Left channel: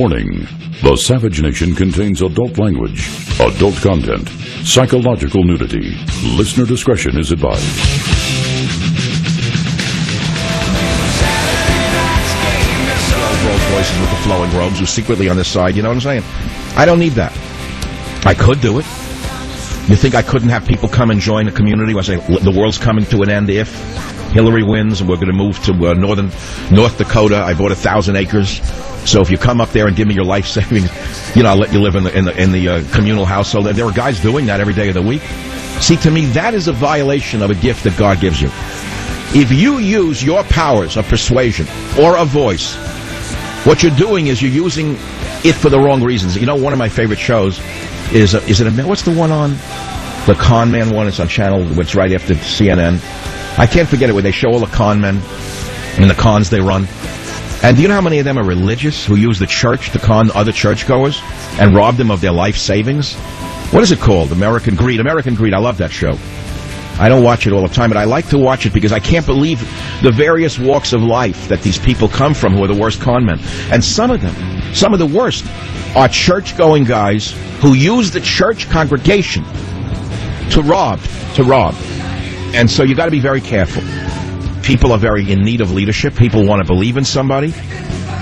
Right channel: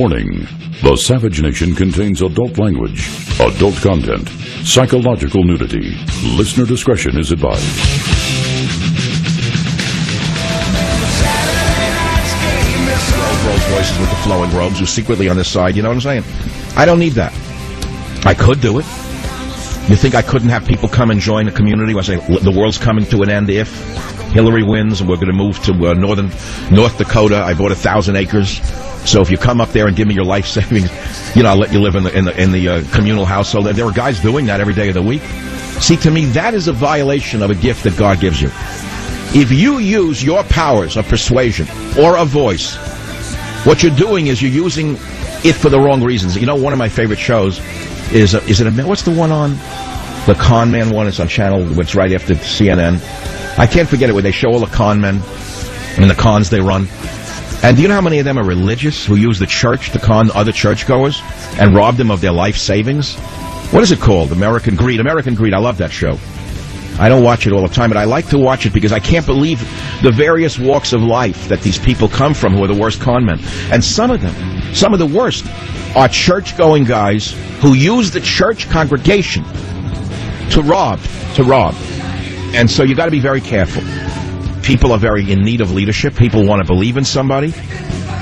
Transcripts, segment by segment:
Warning: the Savage Nation contains adult language, adult content, psychological nudity. Listener discretion is advised. Rolls Royces with the flowing robes who's secretly on this side, you know what I'm saying? I don't need that. I could do it. You think I couldn't have people come and join a community where I say the world's coming to an end if Hillary wins and we're going to move to North Dakota? I bought 1,000 acres. So if you come up there and give me your life savings, I'll let you live in the communal household. There are guys doing that every day of the week. See, to me, that is a violation of a gift that God gives you. If you use your powers of persuasion or a voice, what you're doing is you're using it for the wrong reasons. One of my favorite shows is what's the one on? The Con Man one. It's on channel, it's right after CNN. I can't forget it, where they show all the con men and the cons they run. And do you know how many of them are religious who use the church to con other churchgoers and rob them of their life savings? What is it called? American Greed. American Greed. I love that show. I don't watch it all the time, but I like to watch it because I can't believe the various walks of life that these people come from who are the worst con men. And some of them, some of the worst, are church-going guys who use the church congregation to rob. And so you got to be very careful. People are very in need of leadership. People want to believe in somebody.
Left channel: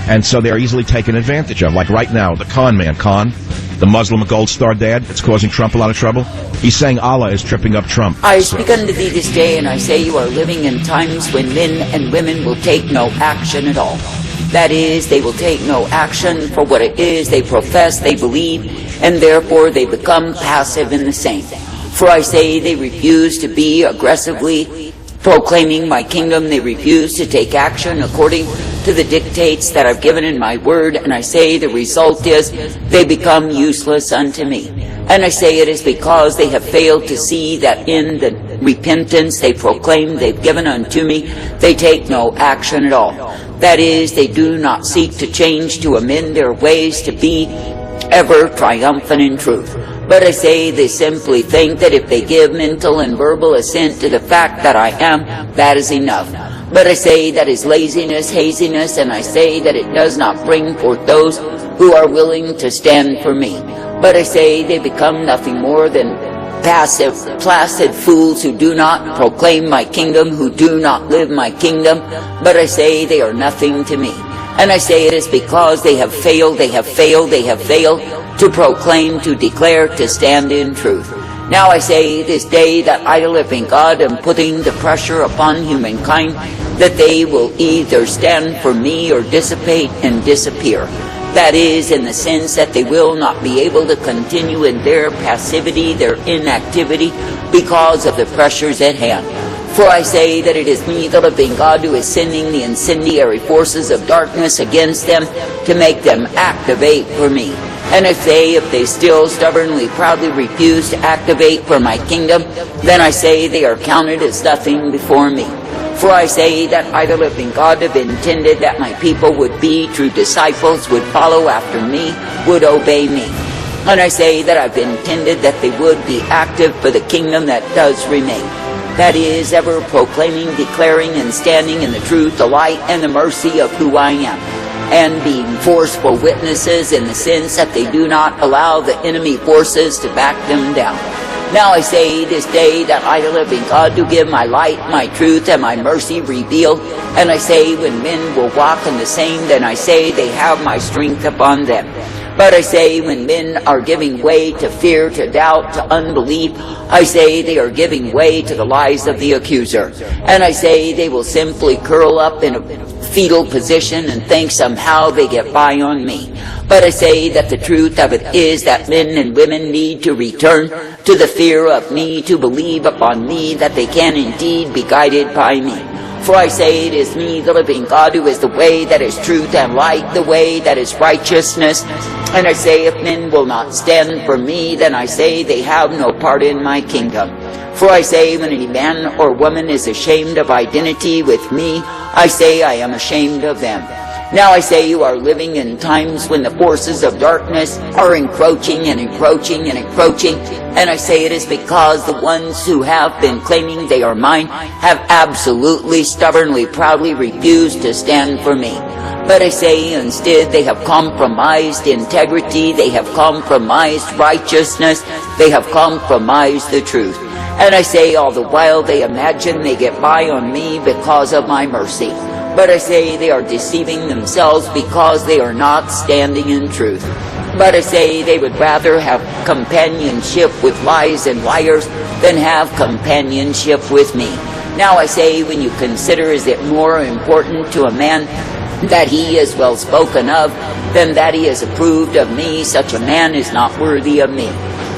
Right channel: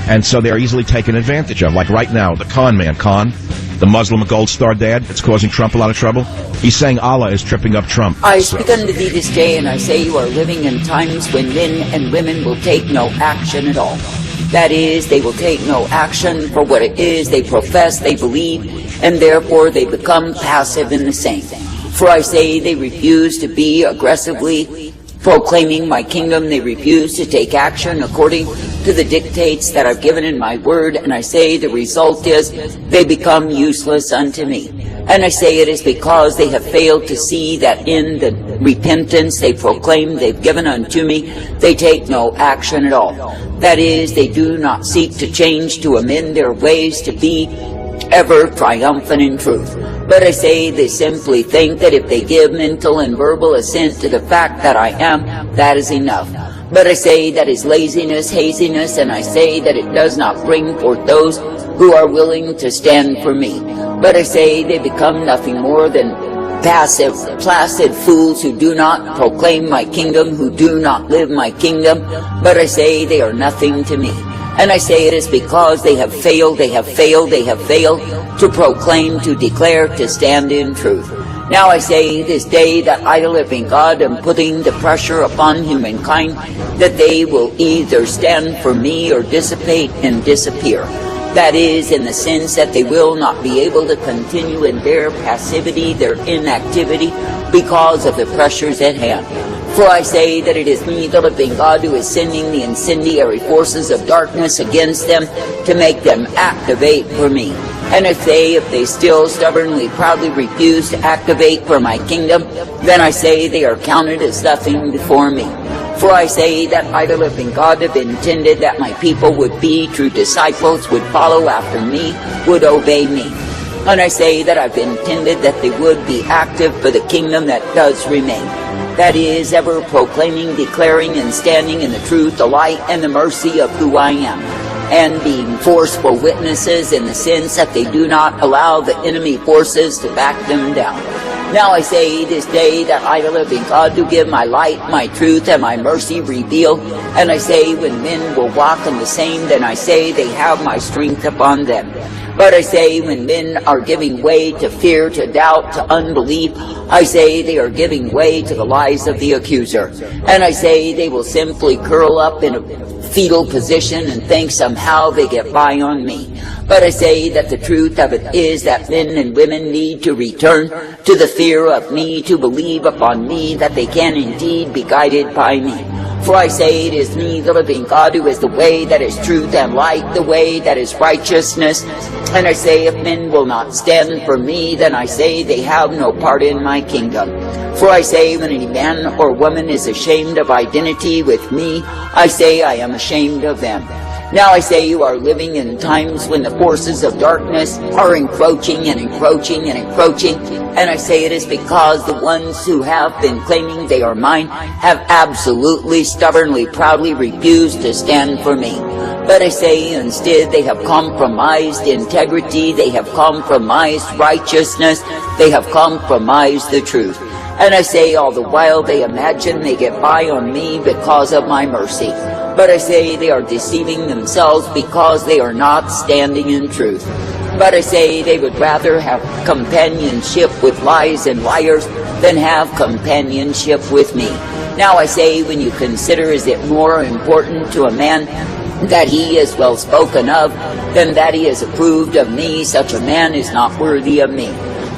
And so they're easily taken advantage of. Like right now, the con man, the Muslim gold star dad that's causing Trump a lot of trouble. He's saying Allah is tripping up Trump. I speak unto thee this day, and I say you are living in times when men and women will take no action at all. That is, they will take no action for what it is they profess, they believe, and therefore they become passive in the same. For I say they refuse to be aggressively proclaiming my kingdom. They refuse to take action according to the dictates that I've given in my word, and I say the result is they become useless unto me. And I say it is because they have failed to see that in the repentance they proclaim they've given unto me, they take no action at all. That is, they do not seek to change, to amend their ways, to be ever triumphant in truth. But I say they simply think that if they give mental and verbal assent to the fact that I am, that is enough. But I say that is laziness, haziness, and I say that it does not bring forth those who are willing to stand for me. But I say they become nothing more than passive, placid fools who do not proclaim my kingdom, who do not live my kingdom. But I say they are nothing to me. And I say it is because they have failed to proclaim, to declare, to stand in truth. Now I say this day that I live in God and putting the pressure upon humankind that they will either stand for me or dissipate and disappear. That is, in the sense that they will not be able to continue in their passivity, their inactivity, because of the pressures at hand. For I say that it is me, the living God, who is sending the incendiary forces of darkness against them to make them activate for me. And if they still stubbornly, proudly refuse to activate for my kingdom, then I say they are counted as nothing before me. For I say that I, the living God, have intended that my people would be true disciples, would follow after me, would obey me. And I say that I've intended that they would be active for the kingdom that does remain. That is, ever proclaiming, declaring, and standing in the truth, the light, and the mercy of who I am, and being forceful witnesses in the sense that they do not allow the enemy forces to back them down. Now I say this day that I, the living God, do give my light, my truth, and my mercy revealed. And I say when men will walk in the same, then I say they have my strength upon them. But I say when men are giving way to fear, to doubt, to unbelief, I say they are giving way to the lies of the accuser. And I say they will simply curl up in a fetal position and think somehow they get by on me. But I say that the truth of it is that men and women need to return to the fear of me, to believe upon me, that they can indeed be guided by me. For I say it is me, the living God, who is the way that is truth and light, the way that is righteousness. And I say if men will not stand for me, then I say they have no part in my kingdom. For I say when any man or woman is ashamed of identity with me, I say I am ashamed of them. Now I say you are living in times when the forces of darkness are encroaching and encroaching and encroaching. And I say it is because the ones who have been claiming they are mine have absolutely, stubbornly, proudly refused to stand for me. But I say instead they have compromised integrity, they have compromised righteousness, they have compromised the truth. And I say all the while they imagine they get by on me because of my mercy. But I say they are deceiving themselves because they are not standing in truth. But I say they would rather have companionship with lies and liars than have companionship with me. Now I say, when you consider, is it more important to a man that he is well spoken of than that he is approved of me? Such a man is not worthy of me.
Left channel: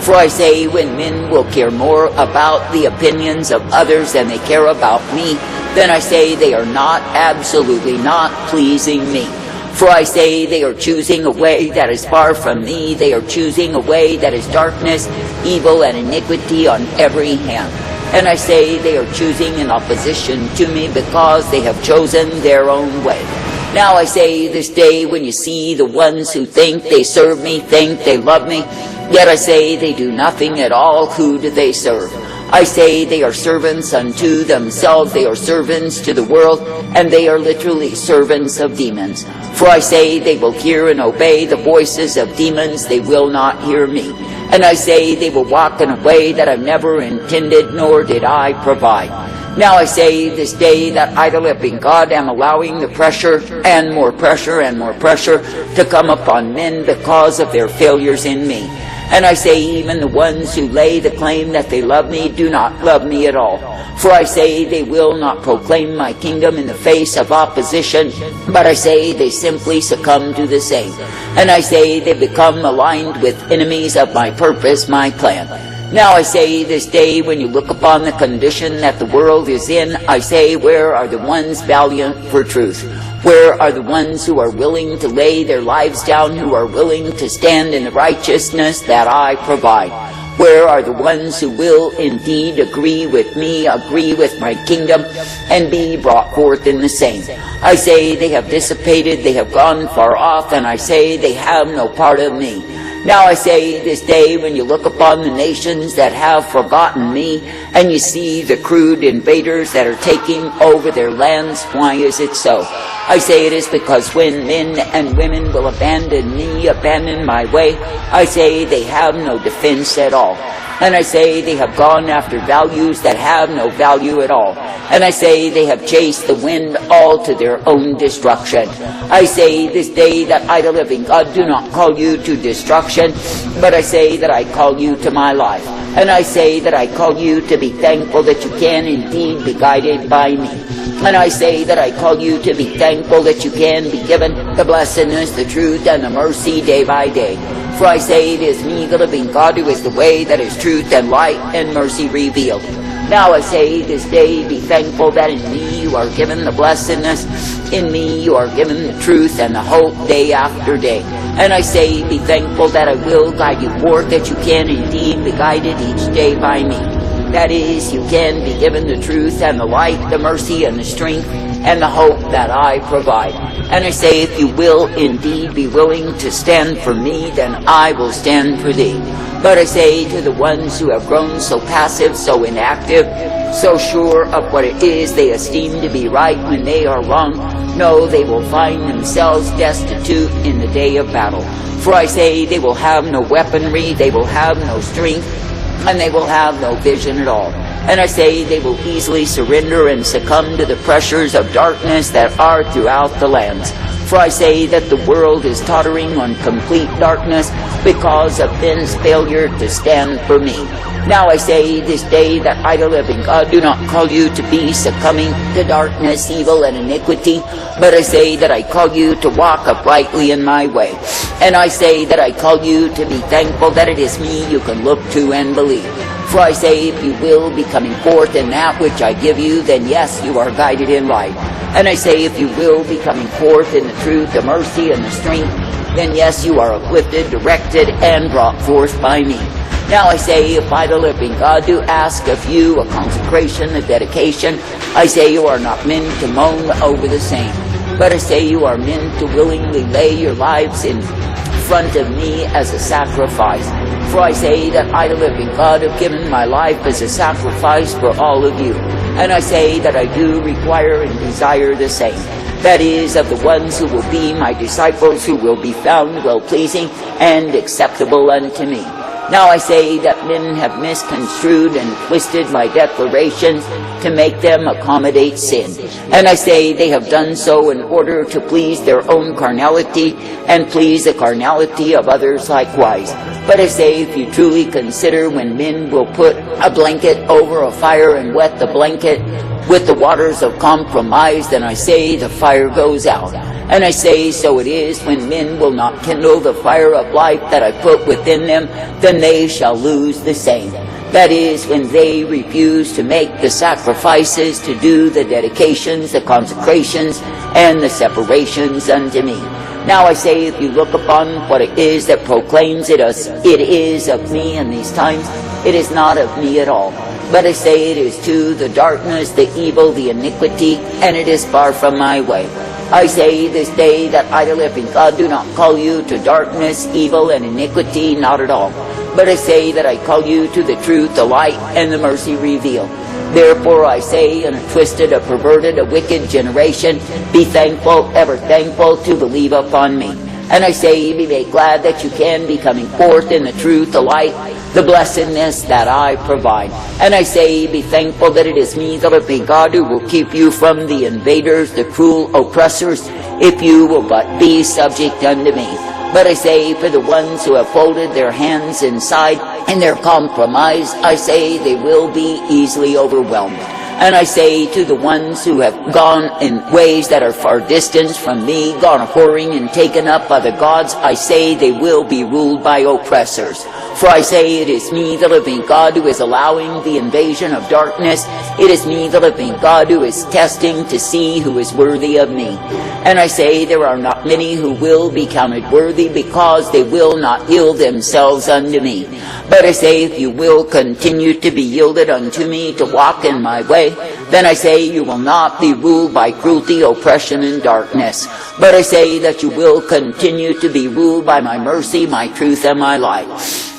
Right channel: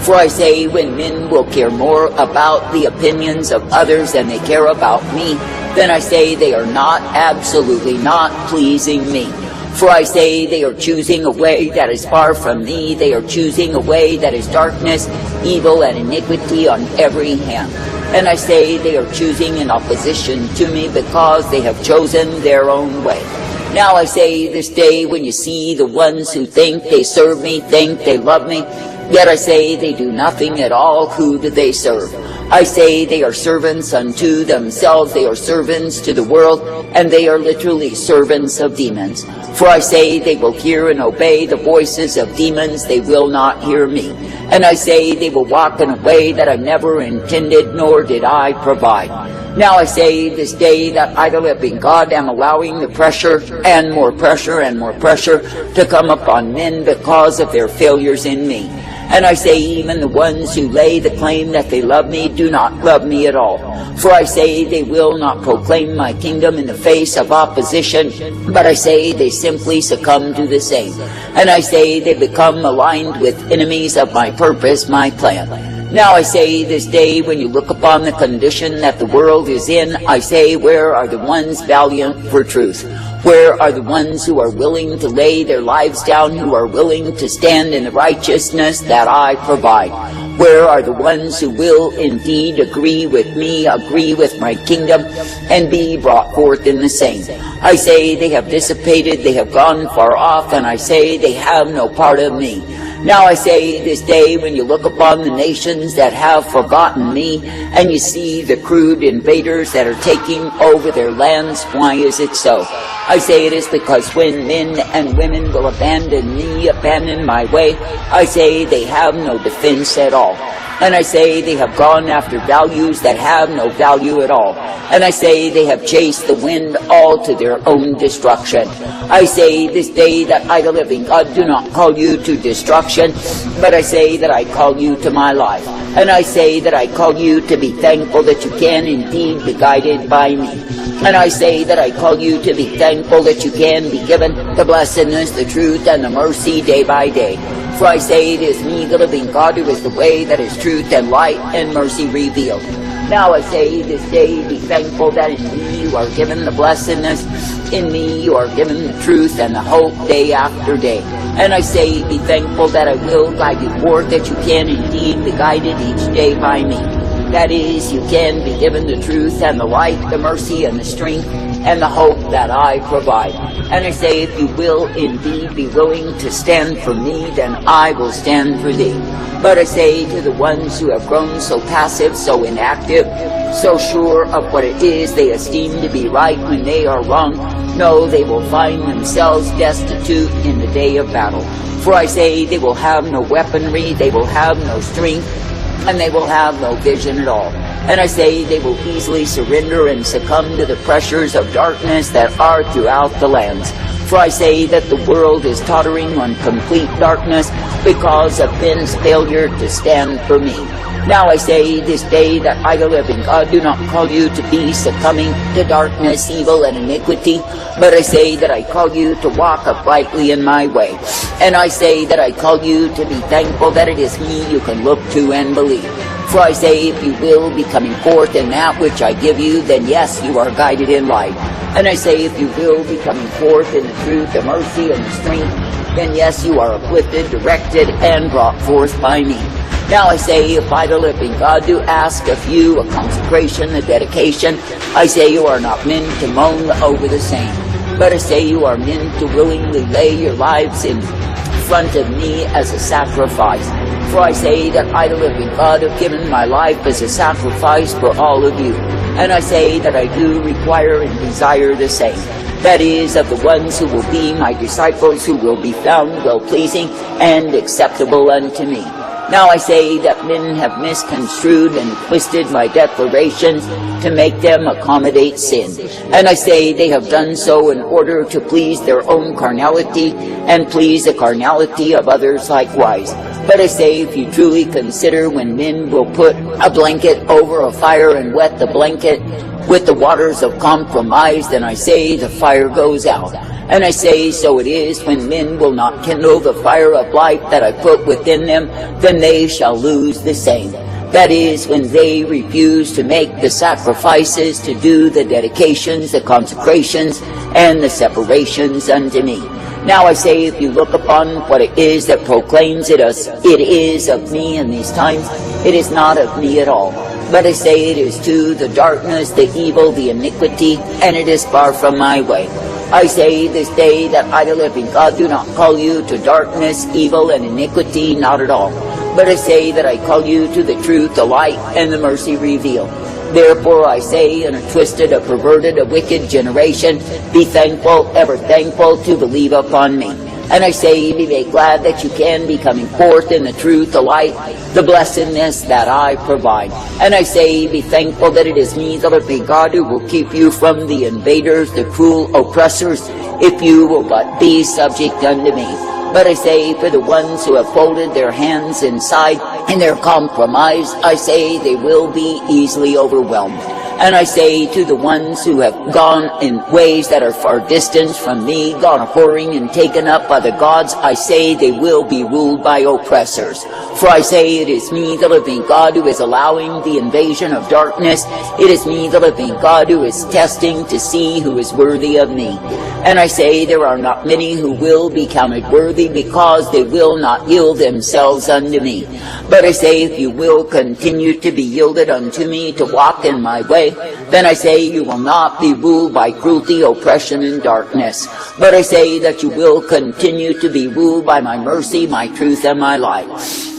For I say, when men will care more about the opinions of others than they care about me, then I say they are not, absolutely not pleasing me. For I say they are choosing a way that is far from me. They are choosing a way that is darkness, evil, and iniquity on every hand. And I say they are choosing in opposition to me because they have chosen their own way. Now I say this day, when you see the ones who think they serve me, think they love me, yet I say they do nothing at all, who do they serve? I say they are servants unto themselves, they are servants to the world, and they are literally servants of demons. For I say they will hear and obey the voices of demons, they will not hear me. And I say they will walk in a way that I never intended, nor did I provide. Now I say this day that I, the living God, am allowing the pressure and more pressure and more pressure to come upon men because of their failures in me. And I say even the ones who lay the claim that they love me do not love me at all. For I say they will not proclaim my kingdom in the face of opposition, but I say they simply succumb to the same. And I say they become aligned with enemies of my purpose, my plan. Now I say this day, when you look upon the condition that the world is in, I say, where are the ones valiant for truth? Where are the ones who are willing to lay their lives down, who are willing to stand in the righteousness that I provide? Where are the ones who will indeed agree with me, agree with my kingdom, and be brought forth in the same? I say they have dissipated, they have gone far off, and I say they have no part of me. Now I say this day, when you look upon the nations that have forgotten me, and you see the crude invaders that are taking over their lands, why is it so? I say it is because when men and women will abandon me, abandon my way, I say they have no defense at all. And I say they have gone after values that have no value at all. And I say they have chased the wind all to their own destruction. I say this day that I, the living God, do not call you to destruction, but I say that I call you to my life. And I say that I call you to be thankful that you can indeed be guided by me. And I say that I call you to be thankful that you can be given the blessedness, the truth, and the mercy day by day. For I say it is me, the living God, who is the way that is truth and light and mercy revealed. Now I say this day, be thankful that in me you are given the blessedness, in me you are given the truth and the hope day after day. And I say, be thankful that I will guide you forth, that you can indeed be guided each day by me. That is, you can be given the truth and the light, the mercy and the strength and the hope that I provide. And I say, if you will indeed be willing to stand for me, then I will stand for thee. But I say to the ones who have grown so passive, so inactive, so sure of what it is they esteem to be right when they are wrong, no, they will find themselves destitute in the day of battle. For I say they will have no weaponry, they will have no strength, and they will have no vision at all. And I say they will easily surrender and succumb to the pressures of darkness that are throughout the lands. For I say that the world is tottering on complete darkness because of men's failure to stand for me. Now I say this day that I, the living God, do not call you to be succumbing to darkness, evil, and iniquity, but I say that I call you to walk uprightly in my way. And I say that I call you to be thankful that it is me you can look to and believe. For I say, if you will be coming forth in that which I give you, then yes, you are guided in light. And I say, if you will be coming forth in the truth, the mercy, and the strength, then yes, you are uplifted, directed, and brought forth by me. Now I say, if I, the living God, do ask of you a consecration, a dedication, I say you are not meant to moan over the same, but I say you are meant to willingly lay your lives in front of me as a sacrifice. For I say that I, the living God, have given my life as a sacrifice for all of you. And I say that I do require and desire the same. That is, of the ones who will be my disciples, who will be found well-pleasing and acceptable unto me. Now I say that men have misconstrued and twisted my declarations to make them accommodate sin. And I say they have done so in order to please their own carnality and please the carnality of others likewise. But I say, if you truly consider when men will put a blanket over a fire and wet the blanket with the waters of compromise, then I say the fire goes out. And I say, so it is when men will not kindle the fire of life that I put within them, then they shall lose the same. That is, when they refuse to make the sacrifices, to do the dedications, the consecrations, and the separations unto me. Now I say, if you look upon what it is that proclaims it is of me in these times, it is not of me at all. But I say it is to the darkness, the evil, the iniquity, and it is far from my way. I say this day that I, the living God, do not call you to darkness, evil, and iniquity, not at all. But I say that I call you to the truth, the light, and the mercy revealed. Therefore I say, in a twisted, a perverted, a wicked generation, be thankful, ever thankful, to believe upon me. And I say, be made glad that you can be coming forth in the truth, the light, the blessedness that I provide. And I say, be thankful that it is me, the living God, who will keep you from the invaders, the cruel oppressors, if you will but be subject unto me. But I say, for the ones who have folded their hands inside in their compromise, I say they will be easily overwhelmed. And I say to the ones who have gone in ways that are far distant from me, gone whoring and taken up by the gods, I say they will be ruled by oppressors. For I say it is me, the living God, who is allowing the invasion of darkness. It is me, the living God, who is testing to see who is worthy of me. And I say there are not many who will be counted worthy, because they will not yield themselves unto me. But I say, if you will continue to be yielded unto me, to walk in my way, then I say you will not be ruled by cruelty, oppression, and darkness. But I say that you will continue to be ruled by my mercy, my truth, and my light.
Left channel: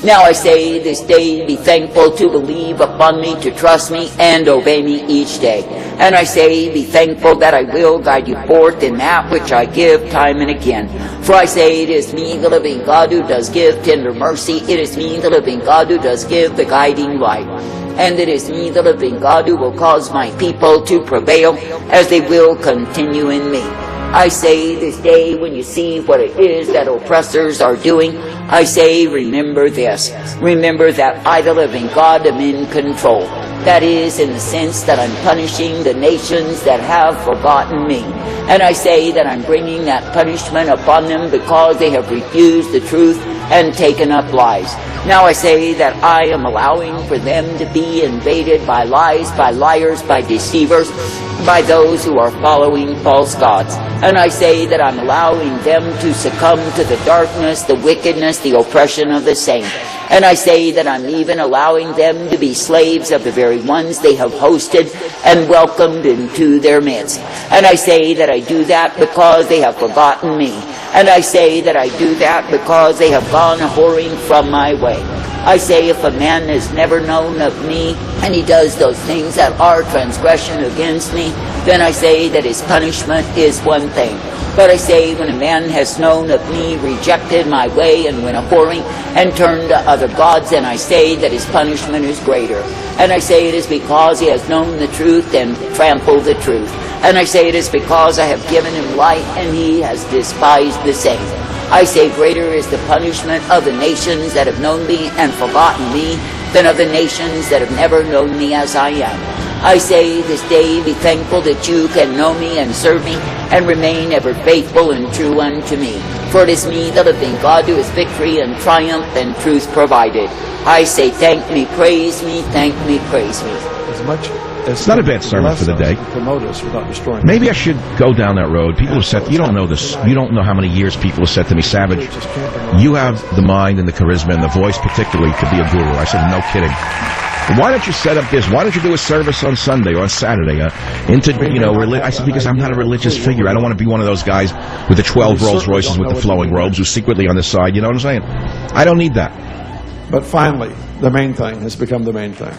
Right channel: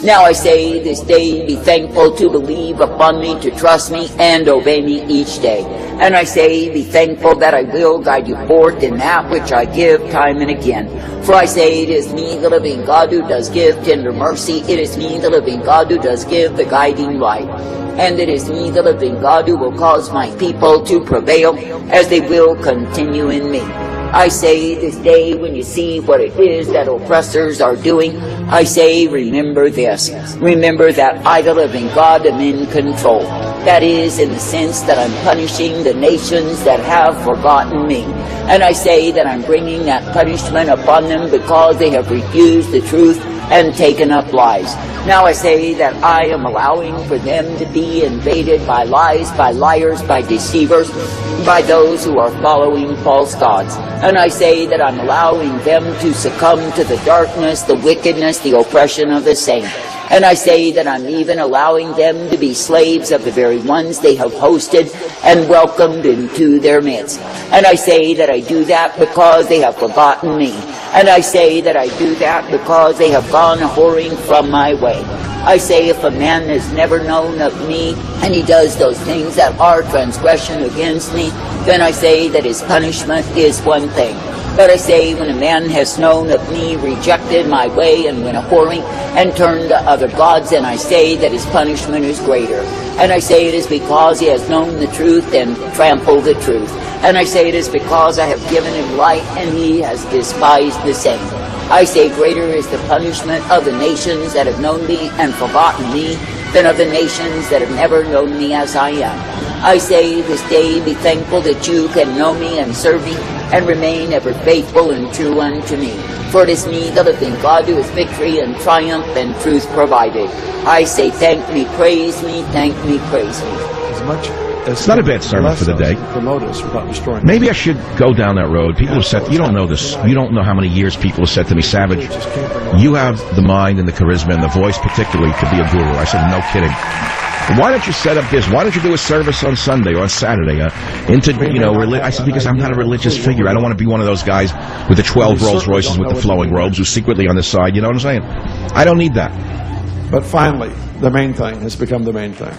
Now I say this day, be thankful to believe upon me, to trust me, and obey me each day. And I say, be thankful that I will guide you forth in that which I give time and again. For I say, it is me, the living God, who does give tender mercy. It is me, the living God, who does give the guiding light. And it is me, the living God, who will cause my people to prevail, as they will continue in me. I say this day, when you see what it is that oppressors are doing, I say, remember this. Remember that I, the living God, am in control. That is, in the sense that I'm punishing the nations that have forgotten me. And I say that I'm bringing that punishment upon them because they have refused the truth and taken up lies. Now I say that I am allowing for them to be invaded by lies, by liars, by deceivers, by those who are following false gods. And I say that I'm allowing them to succumb to the darkness, the wickedness, the oppression of the saint. And I say that I'm even allowing them to be slaves of the very ones they have hosted and welcomed into their midst. And I say that I do that because they have forgotten me. And I say that I do that because they have gone whoring from my way. I say, if a man has never known of me, and he does those things that are transgression against me, then I say that his punishment is one thing. But I say, when a man has known of me, rejected my way, and went whoring, and turned to other gods, then I say that his punishment is greater. And I say it is because he has known the truth and trampled the truth. And I say it is because I have given him light, and he has despised the same. I say greater is the punishment of the nations that have known me and forgotten me than of the nations that have never known me as I am. I say this day, be thankful that you can know me and serve me and remain ever faithful and true unto me. For it is me, the living God, who is victory and triumph and truth provided. I say, thank me, praise me, thank me, praise me. As much as it's not a bad sermon for the day. Promote us without destroying. Maybe I should go down that road. People have said, you don't know this. You don't know how many years people have said to me, Savage, you have the mind and the charisma and the voice particularly to be a guru. I said, no kidding. Why don't you set up this? Why don't you do a service on Sunday or on Saturday? I said, because I'm not a religious figure. I don't want to be one of those guys with the 12 Rolls Royces with the flowing robes who's secretly on the side. You know what I'm saying? I don't need that. But finally, the main thing has become the main thing.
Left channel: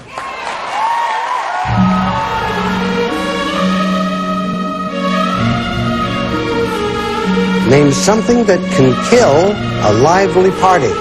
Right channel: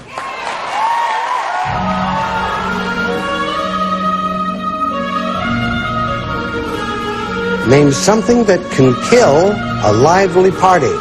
Name something that can kill a lively party.